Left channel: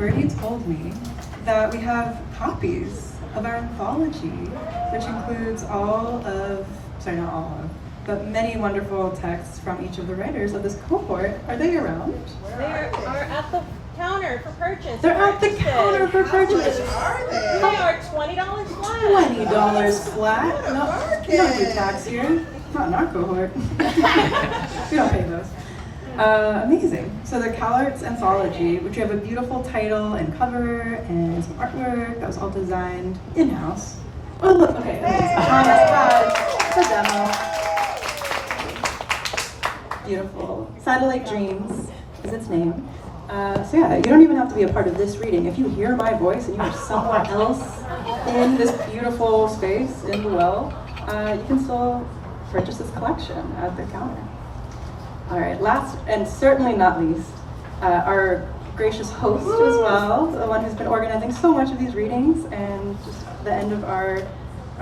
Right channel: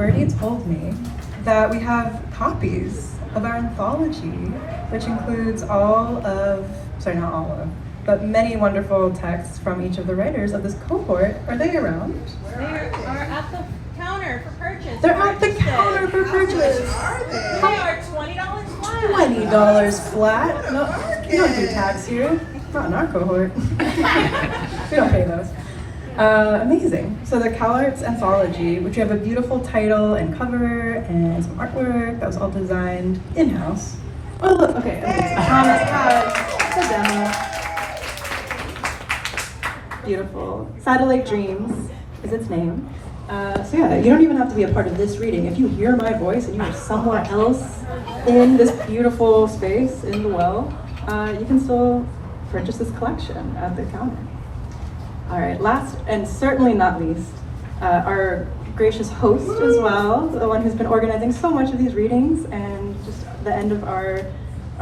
Bertie told me that we have copies of our anthology, which includes not all of, but many wonderful texts from each of the writers of this cohort. Are they around? They are at the counter for purchase. They're at the counter for purchase. They are $20 flat. $20 flat? No, you don't do tax here. Not in our cohort. We don't pay those. Amazing. So the CalArts Anthology, which we have a beautiful title and cover and some artwork that was all designed in-house. Oh, look, okay. It's a demo. Beautiful. Satellite Dreams is its name. So yeah, you don't even have to be a part of this reading. If you hear my voice and you are somewhere else in this beautiful space in the well, you can still purchase this collection at the counter. All right, last and certainly not least, our gracious host as well, the one who's been organizing so much of these readings and just the end of our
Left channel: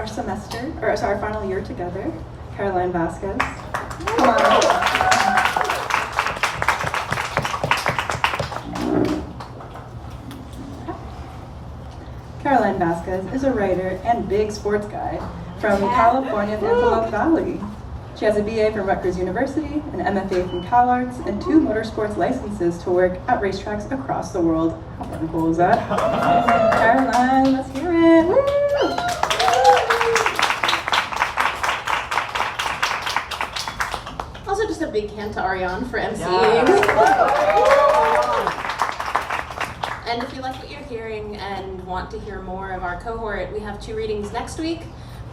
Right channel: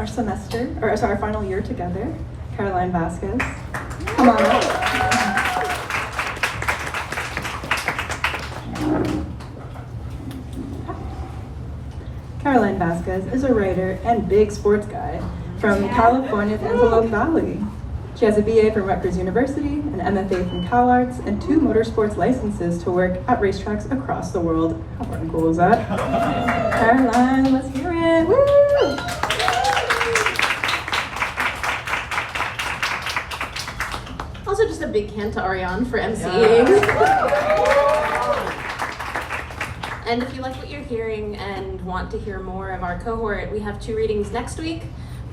semester, or sorry, our final year together, Caroline Vasquez. Come on up. Caroline Vasquez is a writer and big sports guy from California's Antelope Valley. She has a BA from Rutgers University, an MFA from CalArts, and 2 motorsports licenses to work at racetracks across the world. How fucking cool is that? Caroline, let's hear it. Woo! Also, just a big hand to Ariane for emceeing. And if you like what you're hearing and want to hear more of our cohort, we have 2 readings next week.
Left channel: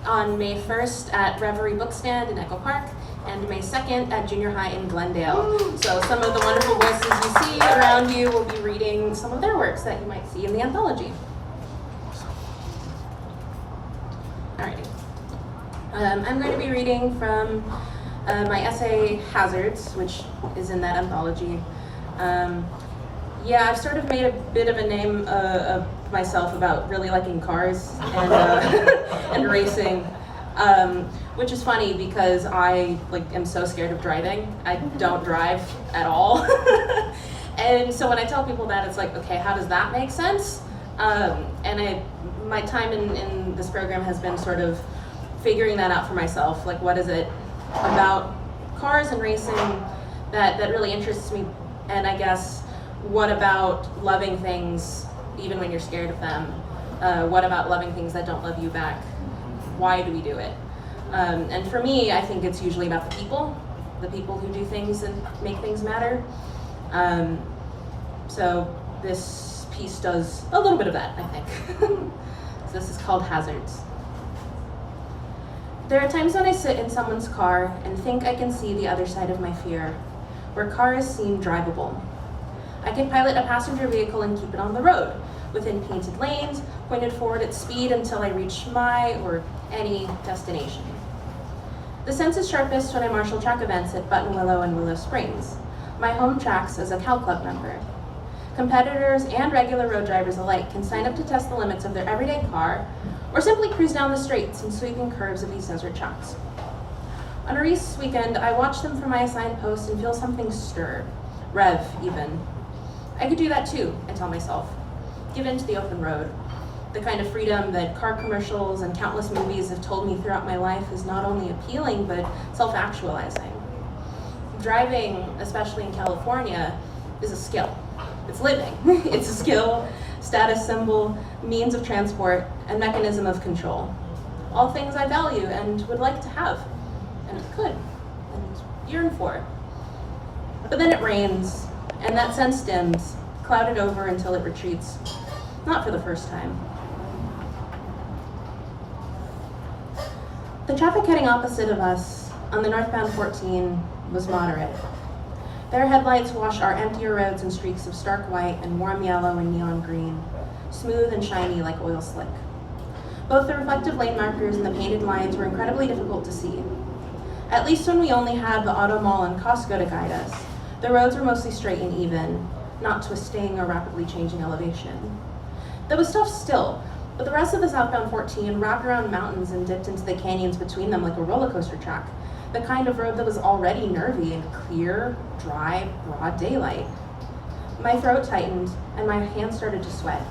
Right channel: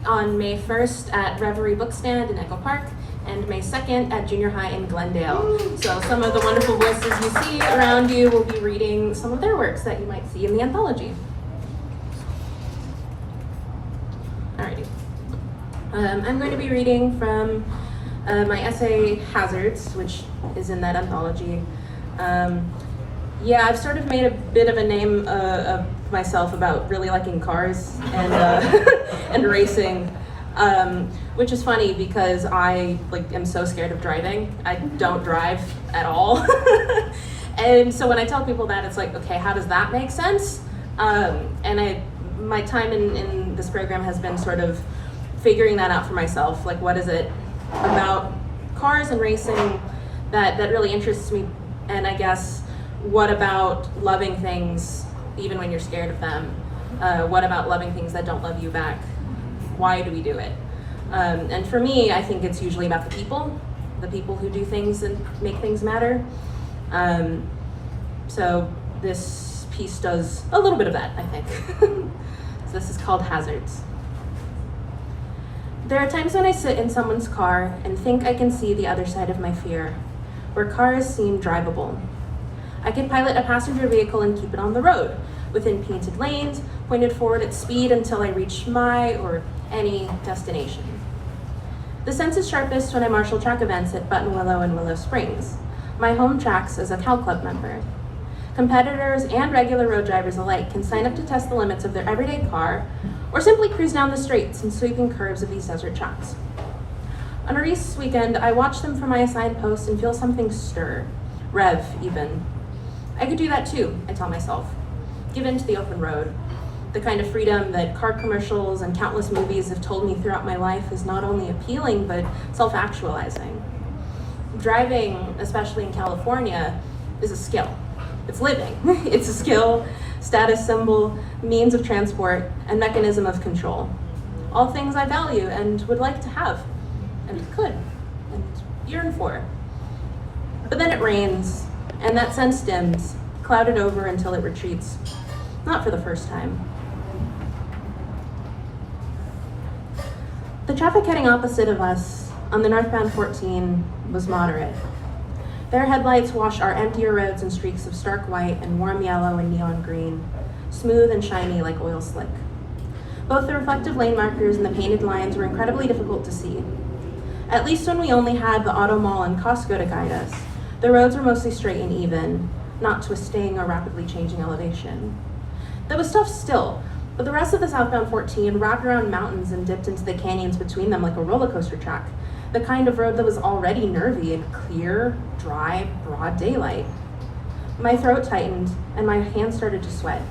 On May 1st at Reverie Bookstand in Echo Park, and May 2nd at Junior High in Glendale. So some of the wonderful voices you see around you will be reading some of their works that you might see in the anthology. Alrighty. I'm going to be reading from my essay Hazards, which is in that anthology. Yeah, I've sort of made a bit of a name of myself about really liking cars and and racing, which is funny because I am so scared of driving. I don't drive at all, and so when I tell people that, it's like, okay, how does that make sense? My time in this program has been sort of figuring that out for myself. Like, what is it about cars and racing that really interests me? And I guess, what about loving things even when you're scared of them? What about loving things that don't love you back? Why do we do it? And for me, I think it's usually about the people who do things and make things matter. So this piece does a little bit of that, I think. So this is called Hazards. There are times when I sit in someone's car and think I can see the other side of my fear, where cars seem drivable. I can pilot a passenger vehicle and keep it on the road, within painted lanes, pointed forward at speed until I reach my or any destination. The sense is sharpest when I marshal track events at Buttonwillow and Willow Springs, my home tracks as a Cal Club member. Competitors and regular road drivers alike can sign up to test the limits of their everyday car, or simply cruise down the straights and sweeping curves of these desert tracks. On a race weekend, I watch them from my assigned post and feel something stir, rev even. I could do that too, I tell myself. Give in to the open road. The kind of freedom that car commercials and countless movies have told me throughout my life is not only appealing, but self-actualizing. Driving, especially in California, is a skill. It's living. It's a skill, status symbol, means of transport, and mechanism of control. All things I value and would like to have, and could, and yearn for. But then it rains, and that sense dims, clouded over until it retreats. Not for the first time. The traffic heading opposite of us on the northbound 14 was moderate. Their headlights wash our emptier roads in streaks of stark white and warm yellow and neon green, smooth and shiny like oil slick. Both the reflective lane markers and the painted lines were incredibly difficult to see. At least when we only had the Auto Mall and Costco to guide us, the roads were mostly straight and even, not twisting or rapidly changing elevation. There was stuff still, but the rest of the southbound 14 wrapped around mountains and dipped into the canyons between them like a roller coaster track, the kind of road that was already nervy in clear, dry, broad daylight. My throat tightened, and my hands started to sweat.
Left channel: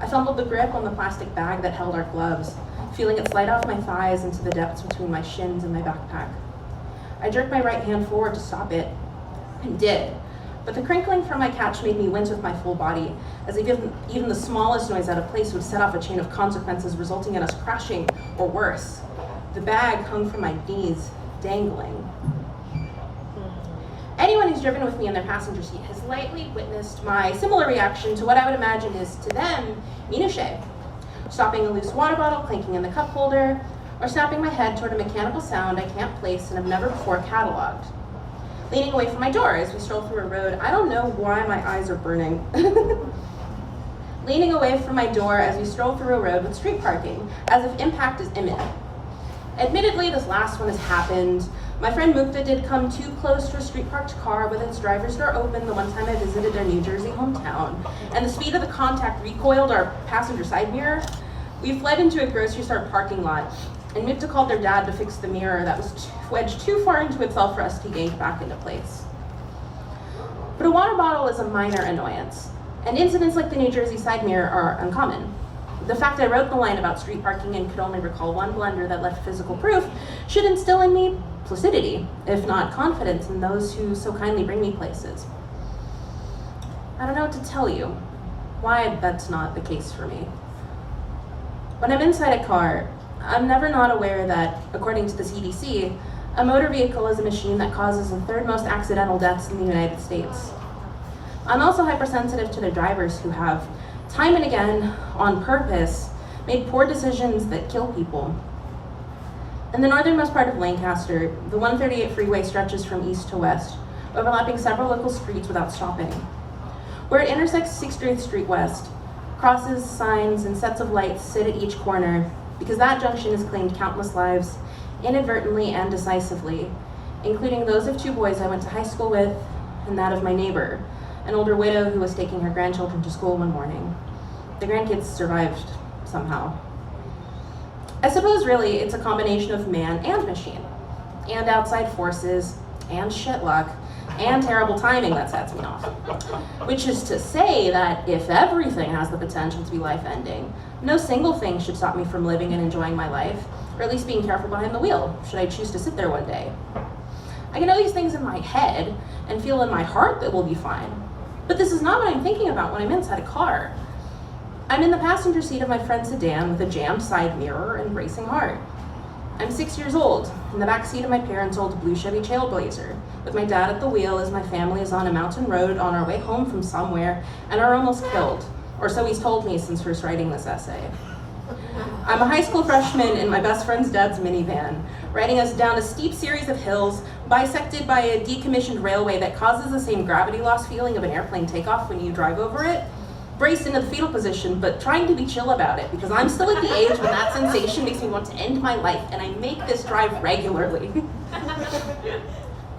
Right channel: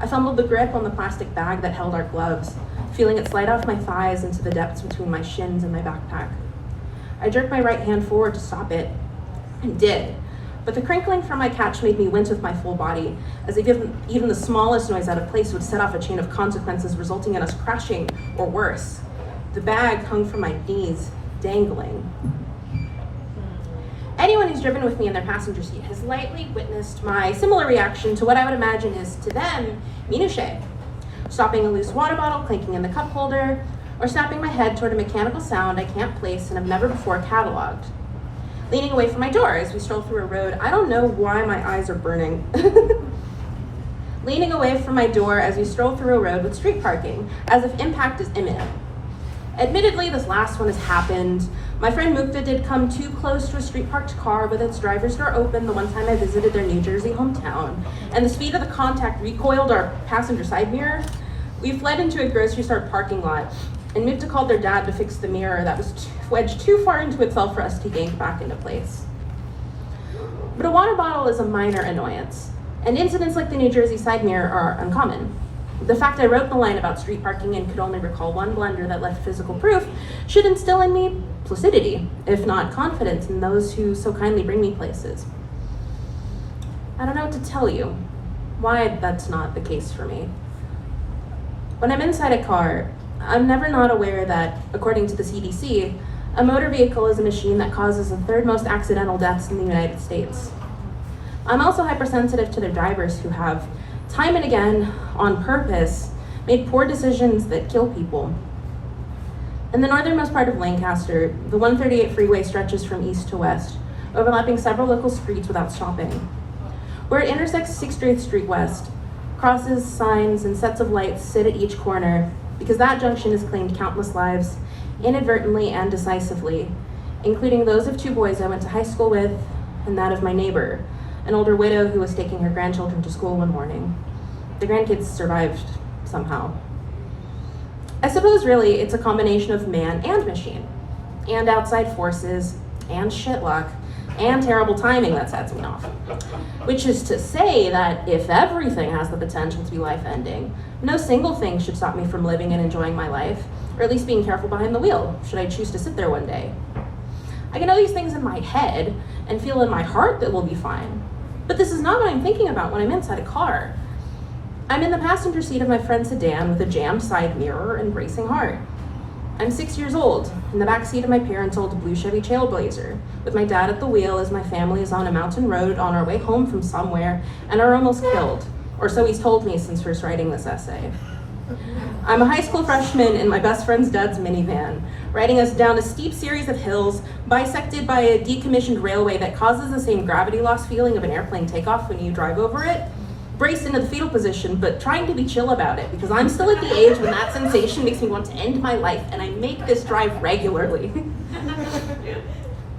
I fumbled the grip on the plastic bag that held our gloves, feeling it slide off my thighs into the depths between my shins and my backpack. I jerked my right hand forward to stop it, and did, but the crinkling from my catch made me wince with my full body, as if even the smallest noise out of place would set off a chain of consequences resulting in us crashing, or worse. The bag hung from my knees, dangling. Anyone who's driven with me in their passenger seat has likely witnessed my similar reaction to what I would imagine is, to them, minutiae. Stopping a loose water bottle clinking in the cup holder, or snapping my head toward a mechanical sound I can't place and have never before cataloged. Leaning away from my door as we stroll through a road, I don't know why my eyes are burning. Leaning away from my door as we stroll through a road with street parking, as if impact is imminent. Admittedly, this last one has happened. My friend Mukta did come too close to a street parked car with its driver's door open the one time I visited their New Jersey hometown, and the speed of the contact recoiled our passenger side mirror. We fled into a grocery store parking lot, and Mukta called their dad to fix the mirror that was wedged too far into itself for us to yank back into place. But a water bottle is a minor annoyance, and incidents like the New Jersey side mirror are uncommon. The fact I wrote the line about street parking and could only recall one blunder that left physical proof should instill in me placidity, if not confidence, in those who so kindly bring me places. I don't know what to tell you, why that's not the case for me. When I'm inside a car, I'm never not aware that, according to the CDC, a motor vehicle is a machine that causes the third most accidental deaths in the United States. I'm also hypersensitive to the drivers who have, time and again, on purpose, made poor decisions that kill people. In the northernmost part of Lancaster, the 138 freeway stretches from east to west, overlapping several local streets without stopping. Where it intersects 68th Street West, crosses, signs, and sets of lights sit at each corner, because that junction has claimed countless lives, inadvertently and decisively, including those of two boys I went to high school with, and that of my neighbor, an older widow who was taking her grandchildren to school one morning. The grandkids survived somehow. I suppose really it's a combination of man and machine, and outside forces, and shit luck, and terrible timing that sets me off. Which is to say that if everything has the potential to be life-ending, no single thing should stop me from living and enjoying my life, or at least being careful behind the wheel, should I choose to sit there one day. I can know these things in my head, and feel in my heart that we'll be fine. But this is not what I'm thinking about when I'm inside a car. I'm in the passenger seat of my friend's sedan with a jammed side mirror and racing heart. I'm 6 years old, in the back seat of my parents' old blue Chevy Trailblazer, with my dad at the wheel as my family is on a mountain road on our way home from somewhere and are almost killed, or so he's told me since first writing this essay. I'm a high school freshman in my best friend's dad's minivan, riding us down a steep series of hills, bisected by a decommissioned railway that causes the same gravity loss feeling of an airplane takeoff when you drive over it, braced into the fetal position, but trying to be chill about it, because I'm still at the age when that sensation makes me want to end my life, and I make this drive regularly.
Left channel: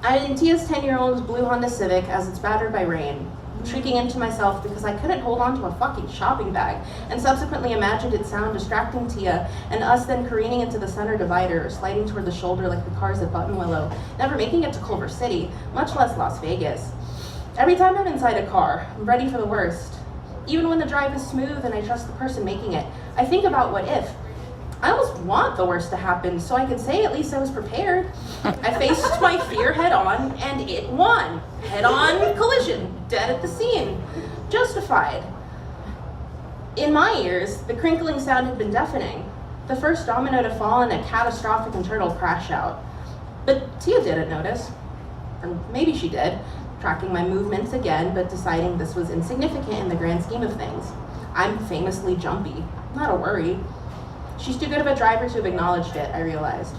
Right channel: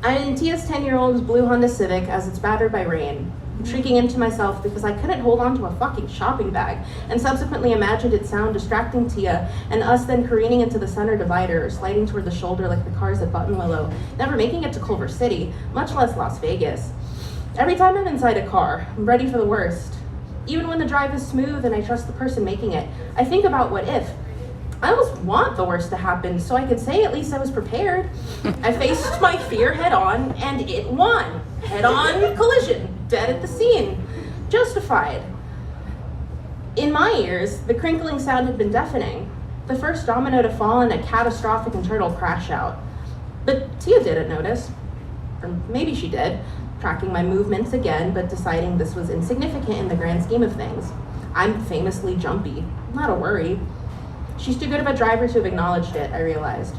I'm in Tia's 10-year-old's blue Honda Civic as it's battered by rain, shrieking into myself because I couldn't hold on to a fucking shopping bag, and subsequently imagined its sound distracting Tia, and us then careening into the center divider, or sliding toward the shoulder like the cars at Buttonwillow, never making it to Culver City, much less Las Vegas. Every time I'm inside a car, I'm ready for the worst. Even when the drive is smooth and I trust the person making it, I think about what if. I almost want the worst to happen so I could say at least I was prepared. I faced my fear head on and it won. Head on collision, dead at the scene. Justified. In my ears, the crinkling sound had been deafening. The first domino to fall in a catastrophic internal crash out. But Tia didn't notice. Or maybe she did, tracking my movements again, but deciding this was insignificant in the grand scheme of things. I'm famously jumpy, not a worry. She's too good of a driver to have acknowledged it, I realized.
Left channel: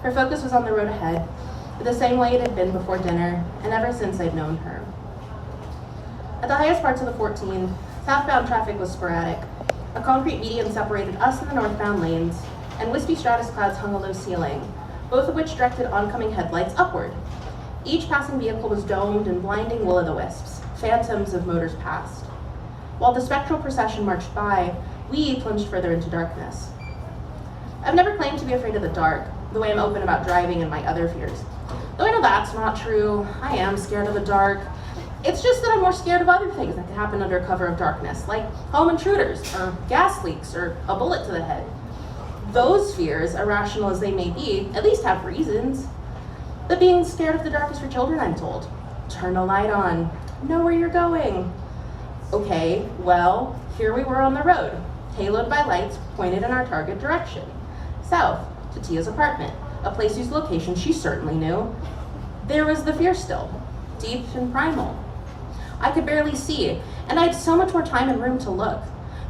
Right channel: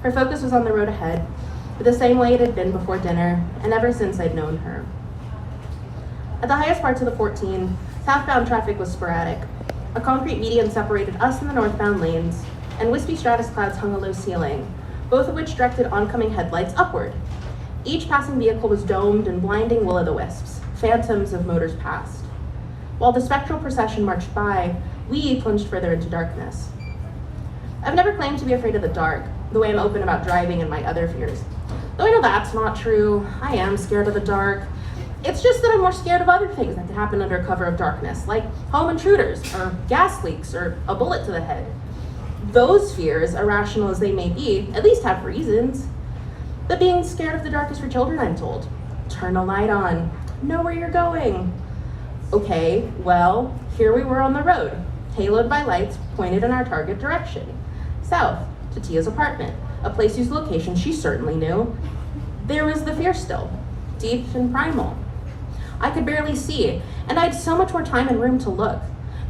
Her focus was on the road ahead, but the same way it had been before dinner, and ever since I'd known her. At the highest parts of the 14, southbound traffic was sporadic. A concrete median separated us and the northbound lanes, and wispy stratus clouds hung a low ceiling, both of which directed oncoming headlights upward. Each passing vehicle was domed and blinding will-o'-the-wisps, phantoms of motors past. While the spectral procession marched by, we plunged further into darkness. I've never claimed to be afraid of the dark, the way I'm open about driving and my other fears. Though I know that's not true, I am scared of the dark. It's just that I'm more scared of other things that could happen under cover of darkness, like home intruders, or gas leaks, or a bullet to the head. Those fears, irrational as they may be, at least have reasons. But being scared of the dark is for children, I'm told. Turn a light on. Know where you're going. Okay, well, here we were on the road, haloed by lights pointed in our target direction. South, to Tia's apartment, a place whose location she certainly knew. There was the fear still, deep and primal. I could barely see, and I had so much more time and room to look.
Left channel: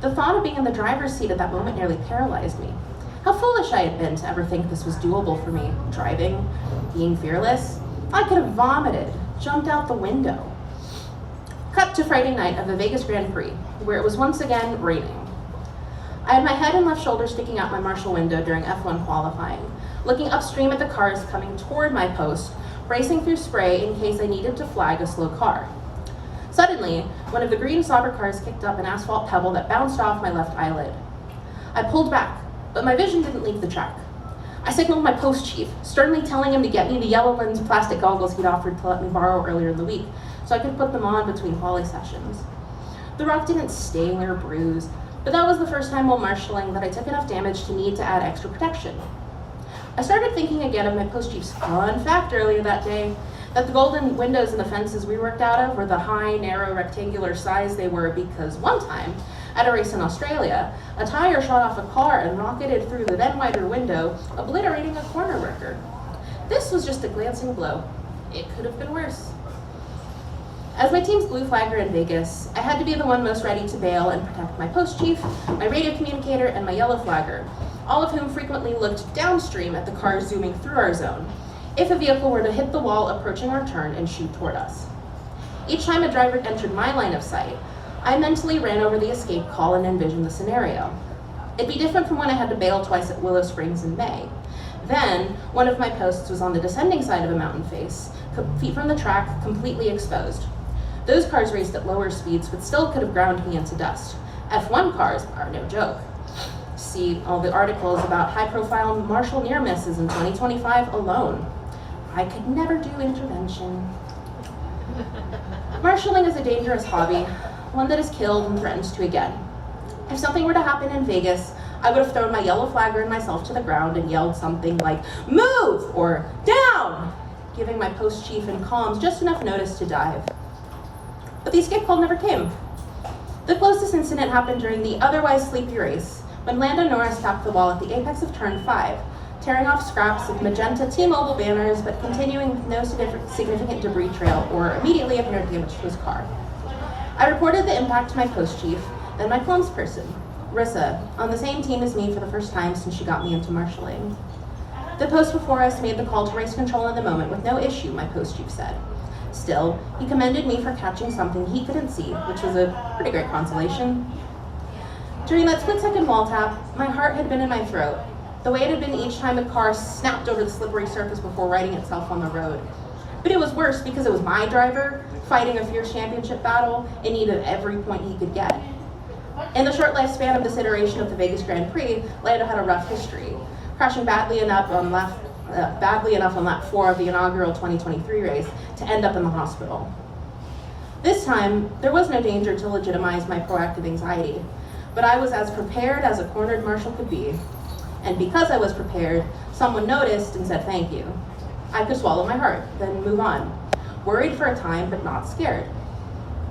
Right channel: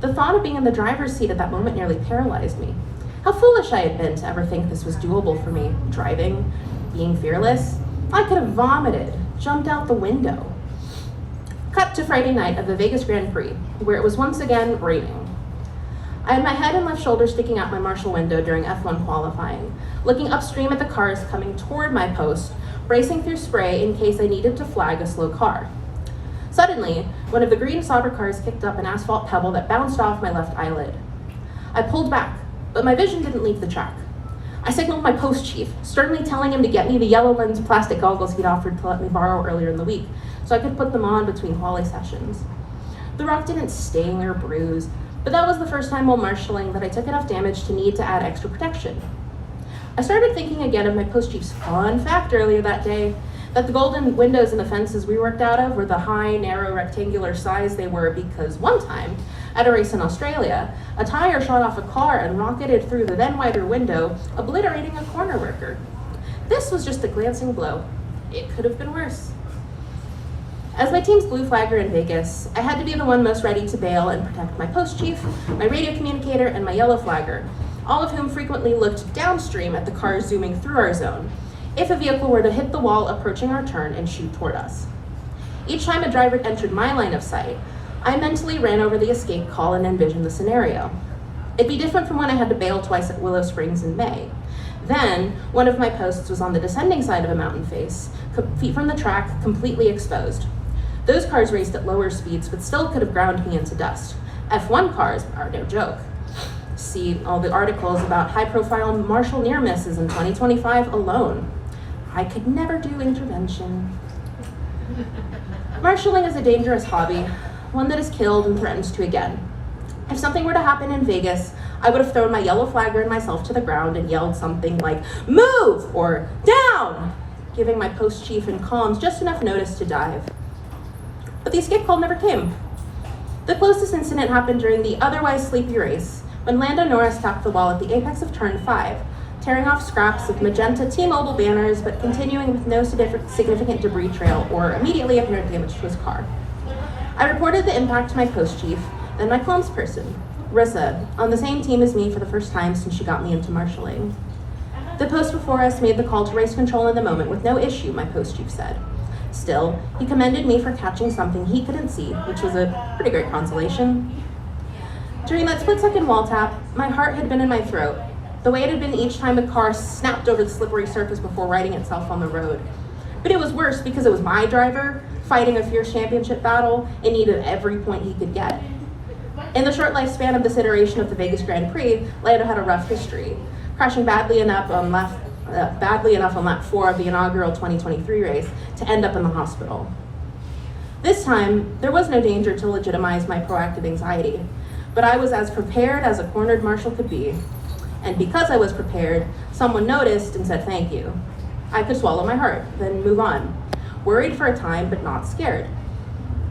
The thought of being in the driver's seat at that moment nearly paralyzed me. How foolish I had been to ever think this was doable for me. Driving, being fearless. I could have vomited, jumped out the window. Cut to Friday night of the Vegas Grand Prix, where it was once again raining. I had my head and left shoulder sticking out my Marshall window during F1 qualifying, looking upstream at the cars coming toward my post, bracing through spray in case I needed to flag a slow car. Suddenly, one of the green Sauber cars kicked up an asphalt pebble that bounced off my left eyelid. I pulled back, but my vision didn't leave the track. I signaled my post chief, sternly telling him to get me the yellow lens plastic goggles he'd offered to let me borrow earlier in the week, so I could put them on between quali sessions. The rock didn't sting or bruise, but that was the first time while marshalling that I took enough damage to need to add extra protection. I started thinking again of my post chief's fun fact earlier that day, that the golden windows in the fences we worked out of were the high, narrow, rectangular size they were because one time, at a race in Australia, a tire shot off a car and rocketed through the then wider window, obliterating a corner worker. This was just a glancing blow. It could have been worse. As my team's blue flagger in Vegas, I had to be the one most ready to bail and protect my post chief, my radio communicator, and my yellow flagger, all of whom frequently looked downstream at the cars zooming through our zone, if a vehicle were to hit the wall approaching our turn and shoot toward us. Each time a driver entered my line of sight, I mentally ran over the escape call and envisioned the scenario. It'd be different from when I had to bail twice at Willow Springs in May. Then, one of my posts was on the descending side of a mountain face, feet from the track, completely exposed. Those cars raced at lower speeds, but still could have ground me into dust. F1 cars are no joke. See all the articles about high-profile Marshall near misses in 2025 alone. I could never do intervention. Marshalling is a dangerous hobby, one that has killed and threatens to again. If something were to happen in Vegas, I would have thrown my yellow flagger and myself to the ground and yelled something like, "Move!" or "Down!" giving my post chief and comms just enough notice to dive. But the escape call never came. The closest incident happened during the otherwise sleepy race, when Lando Norris tapped the wall at the apex of turn 5, tearing off scraps of magenta T-Mobile banners, but continuing with no significant debris trail or immediately apparent damage to his car. I reported the impact to my post chief, then my comms person, Rissa, on the same team as me for the first time since she got me into marshalling. The post before us made the call to race control in the moment with no issue, my post chief said. Still, he commended me for catching something he couldn't see, which was a pretty great consolation. During that split-second wall tap, my heart had been in my throat, the way it had been each time a car snapped over the slippery surface before righting itself on the road. But it was worse because it was my driver, fighting a fierce championship battle in need of every point he could get. In the short lifespan of this iteration of the Vegas Grand Prix, Lando had a rough history, crashing badly enough on lap 4 of the inaugural 2023 race to end up in the hospital. This time, there was no danger to legitimize my proactive anxiety, but I was as prepared as a cornered marshal could be. And because I was prepared, someone noticed and said thank you. I could swallow my heart, then move on. Worried for a time, but not scared.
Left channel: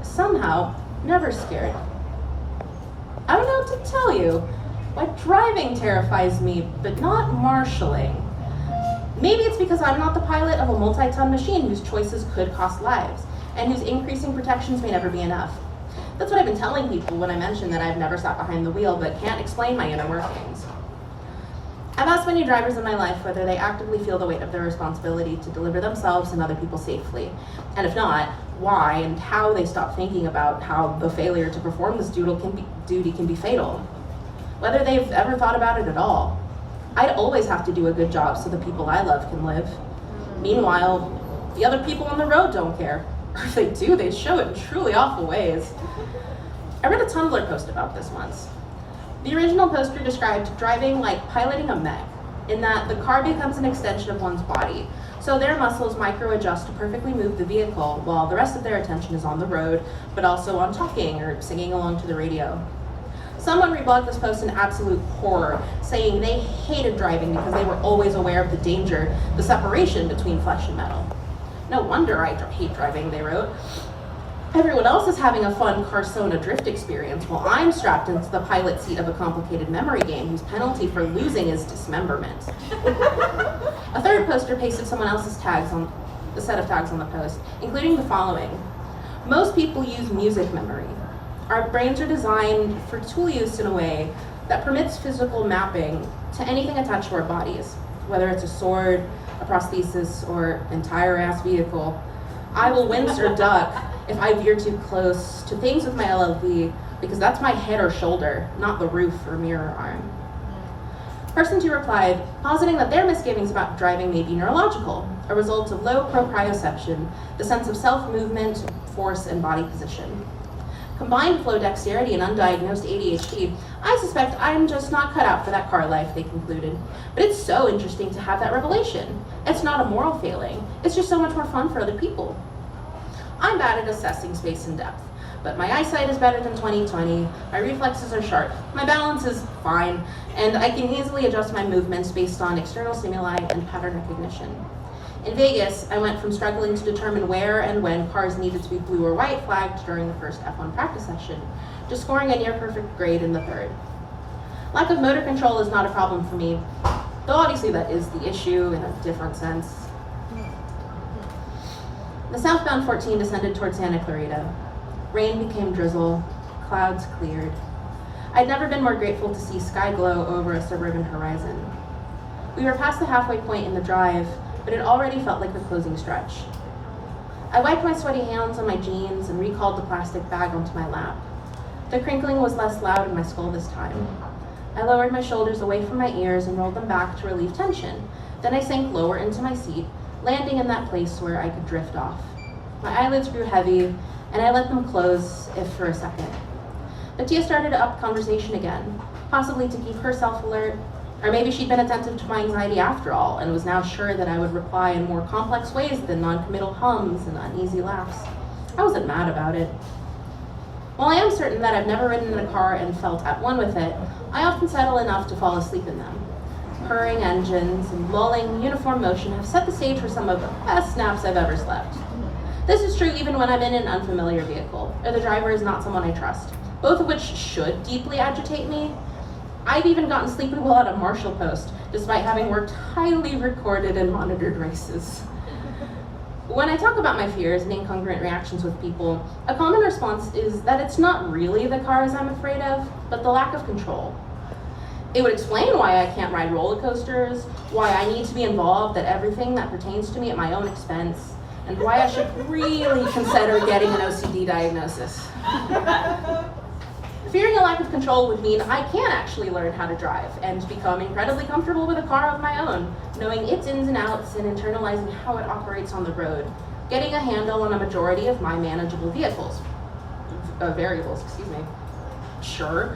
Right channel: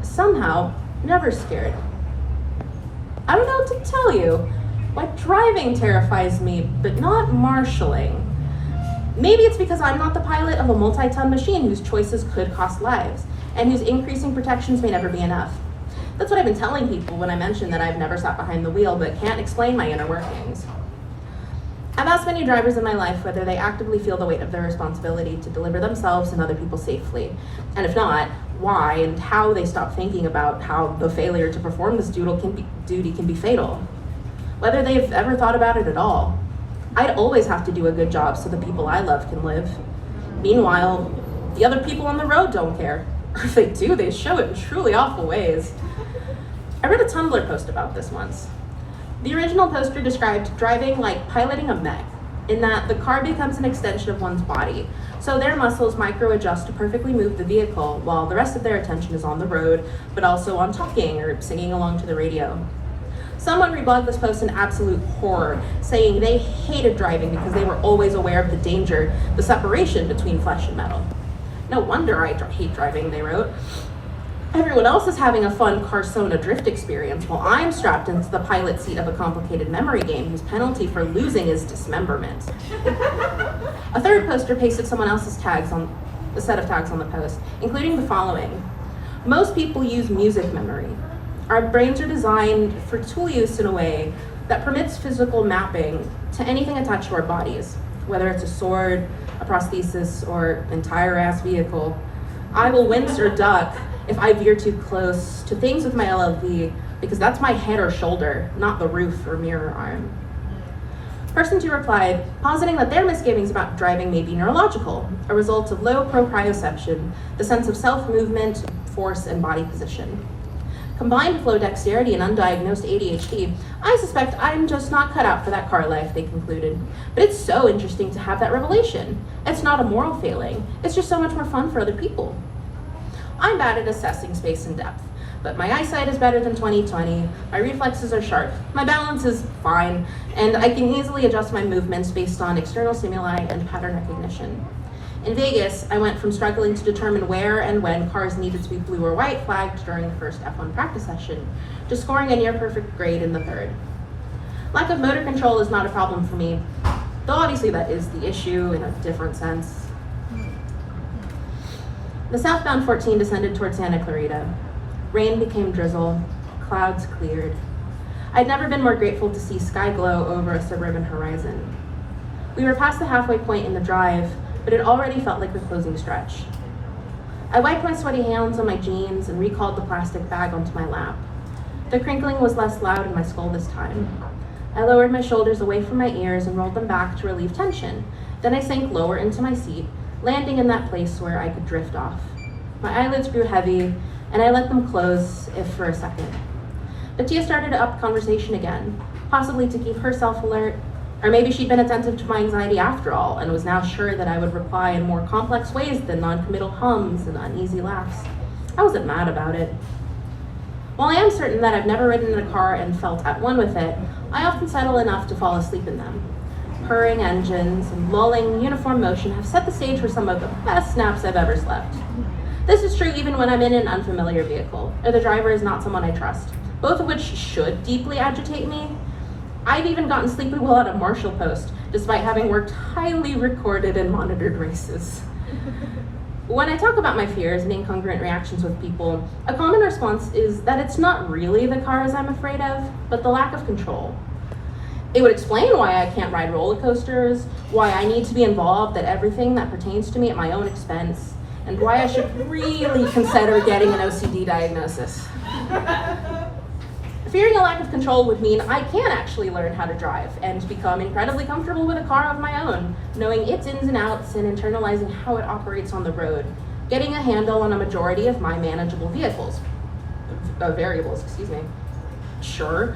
Somehow, never scared. I don't know what to tell you. Like, driving terrifies me, but not marshalling. Maybe it's because I'm not the pilot of a multi-ton machine whose choices could cost lives, and whose increasing protections may never be enough. That's what I've been telling people when I mention that I've never sat behind the wheel, but can't explain my inner workings. I've asked many drivers in my life whether they actively feel the weight of their responsibility to deliver themselves and other people safely, and if not, why and how they stop thinking about how the failure to perform this duty can be fatal. Whether they've ever thought about it at all. I'd always have to do a good job so the people I love can live. Meanwhile, the other people on the road don't care. Or if they do, they show it in truly awful ways. I read a Tumblr post about this once. The original poster described driving like piloting a mech, in that the car becomes an extension of one's body. So their muscles micro-adjust to perfectly move the vehicle while the rest of their attention is on the road, but also on talking or singing along to the radio. Someone reblogged this post in absolute horror, saying they hated driving because they were always aware of the danger, the separation between flesh and metal. No wonder I hate driving, they wrote. Everyone else is having a fun Carsona drift experience while I'm strapped into the pilot seat of a complicated memory game whose penalty for losing is dismemberment. A third poster pasted someone else's tags on a set of tags on the post, including the following. Most people use music memory. Our brains are designed for tool use in a way that permits physical mapping to anything attached to our bodies, whether it's a sword, a prosthesis, or entire ass vehicle. I will wince or duck if I veer too close to things with my LLV because that's my head or shoulder, not the roof or mirror arm. Person 2 replied, positing that their misgivings about driving may be neurological, a result of low proprioception, the sense of self-movement, force, and body position. Combined with low dexterity and undiagnosed ADHD, I suspect I'm just not cut out for that car life, they concluded. But it's so interesting to have that revelation. It's not a moral failing, it's just so much more fun for other people. I'm bad at assessing space and depth, but my eyesight is better than 20/20, my reflexes are sharp, my balance is fine, and I can easily adjust my movements based on external stimuli and pattern recognition. In Vegas, I went from struggling to determine where and when cars needed to be blue or white flagged during the first F1 practice session, to scoring a near perfect grade in the third. Lack of motor control is not a problem for me, though obviously that is the issue in a different sense. The southbound 14 descended toward Santa Clarita. Rain became drizzle, clouds cleared. I'd never been more grateful to see sky glow over a suburban horizon. We were past the halfway point in the drive, but it already felt like the closing stretch. I wiped my sweaty hands on my jeans and recalled the plastic bag onto my lap. The crinkling was less loud in my skull this time. I lowered my shoulders away from my ears and rolled them back to relieve tension. Then I sank lower into my seat, landing in that place where I could drift off. My eyelids grew heavy, and I let them close, if for a second. But Tia started up conversation again, possibly to keep herself alert, or maybe she'd been attentive to my anxiety after all, and was now sure that I would reply in more complex ways than non-committal hums and uneasy laughs. I wasn't mad about it. While I am certain that I've never ridden in a car and felt at one with it, I often settle enough to fall asleep in them. Purring engines and lulling uniform motion have set the stage for some of the best naps I've ever slept. This is true even when I'm in an unfamiliar vehicle, or the driver is not someone I trust, both of which should deeply agitate me. I've even gotten sleepy while at a marshal post, despite having worked highly recorded and monitored races. When I talk about my fears and incongruent reactions with people, a common response is that it's not really the cars I'm afraid of, but the lack of control. It would explain why I can't ride roller coasters, why I need to be involved at everything that pertains to me at my own expense, and why I should really consider getting an OCD diagnosis. Fearing a lack of control would mean I can actually learn how to drive and become incredibly comfortable with a car of my own, knowing its ins and outs and internalizing how it operates on the road, getting a handle on a majority of my manageable variables. Sure.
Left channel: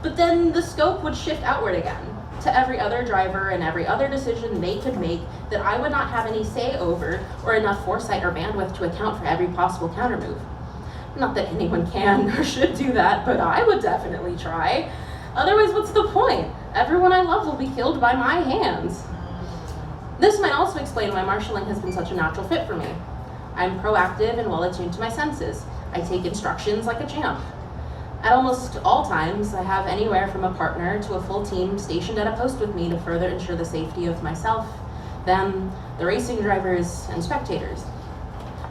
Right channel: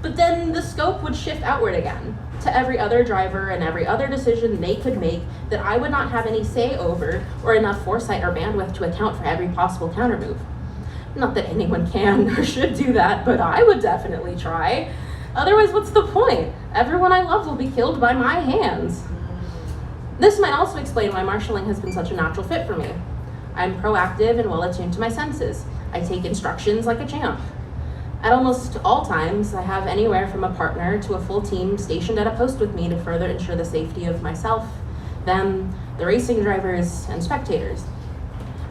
But then the scope would shift outward again, to every other driver and every other decision they could make that I would not have any say over or enough foresight or bandwidth to account for every possible countermove. Not that anyone can or should do that, but I would definitely try. Otherwise, what's the point? Everyone I love will be killed by my hands. This might also explain why marshalling has been such a natural fit for me. I'm proactive and well attuned to my senses. I take instructions like a champ. At almost all times, I have anywhere from a partner to a full team stationed at a post with me to further ensure the safety of myself, them, the racing drivers, and spectators.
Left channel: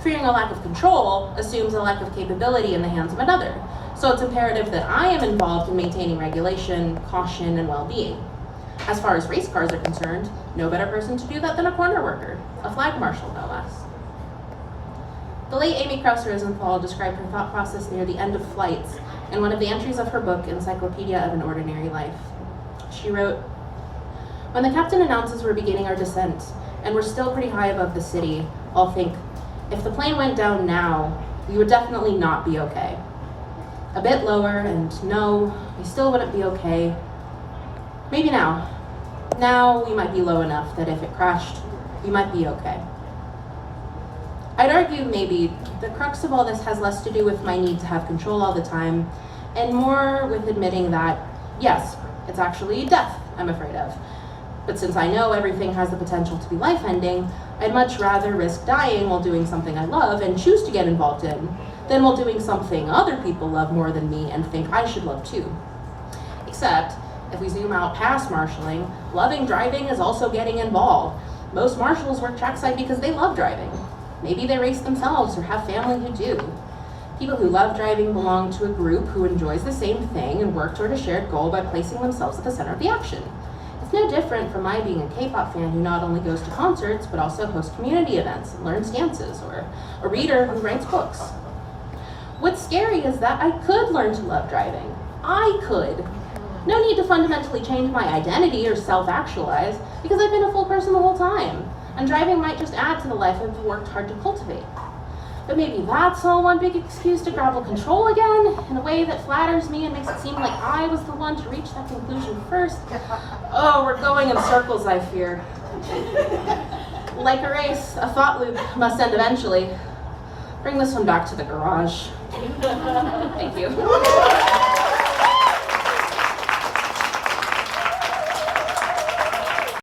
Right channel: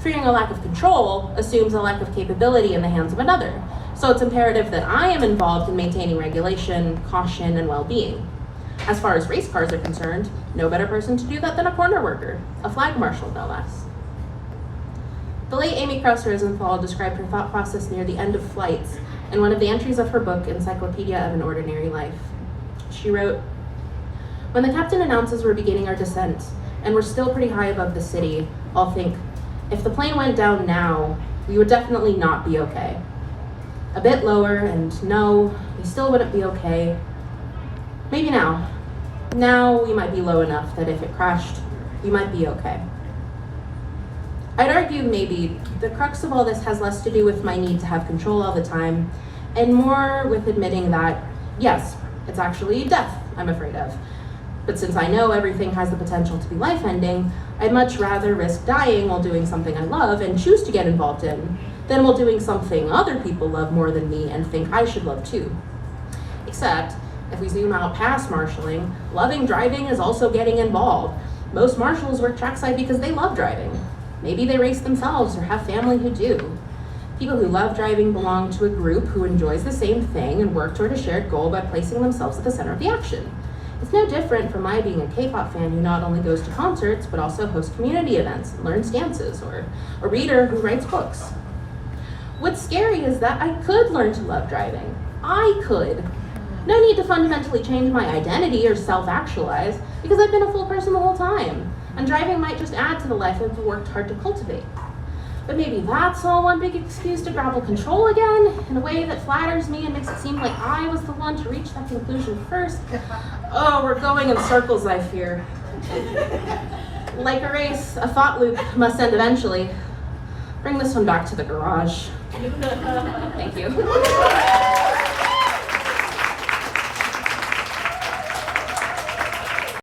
Fearing a lack of control assumes a lack of capability in the hands of another, so it's imperative that I am involved in maintaining regulation, caution, and well-being. As far as race cars are concerned, no better person to do that than a corner worker, a flag marshal no less. The late Amy Krauss Rosenthal described her thought process near the end of flights in one of the entries of her book, Encyclopedia of an Ordinary Life. She wrote, "When the captain announces we're beginning our descent, and we're still pretty high above the city, I'll think, if the plane went down now, we would definitely not be okay. A bit lower, and no, we still wouldn't be okay. Maybe now. Now we might be low enough that if it crashed, we might be okay. I'd argue maybe the crux of all this has less to do with my need to have control all the time, and more with admitting that, yes, it's actually death I'm afraid of. But since I know everything has the potential to be life-ending, I'd much rather risk dying while doing something I love and choose to get involved in, than while doing something other people love more than me and think I should love too. Except, if we zoom out past marshalling, loving driving is also getting involved. Most marshals work trackside because they love driving. Maybe they race themselves or have family who do. People who love driving belong to a group who enjoys the same thing and work toward a shared goal by placing themselves at the center of the action. It's no different from my being a K-pop fan who not only goes to concerts, but also hosts community events and learns dances, or a reader who writes books. What's scary is that I could learn to love driving. I could. No need to fundamentally change my identity or self-actualize, because I've been a full person the whole time, and driving might just add to the life I've worked hard to cultivate. But maybe that's all one big excuse to grapple control again, in a way that flatters me and makes it seem like I was the one to reach that conclusion first. Oh, we're going in circles, I fear. Like a race, a thought loop must end eventually. Bring this one back to the garage. Thank you.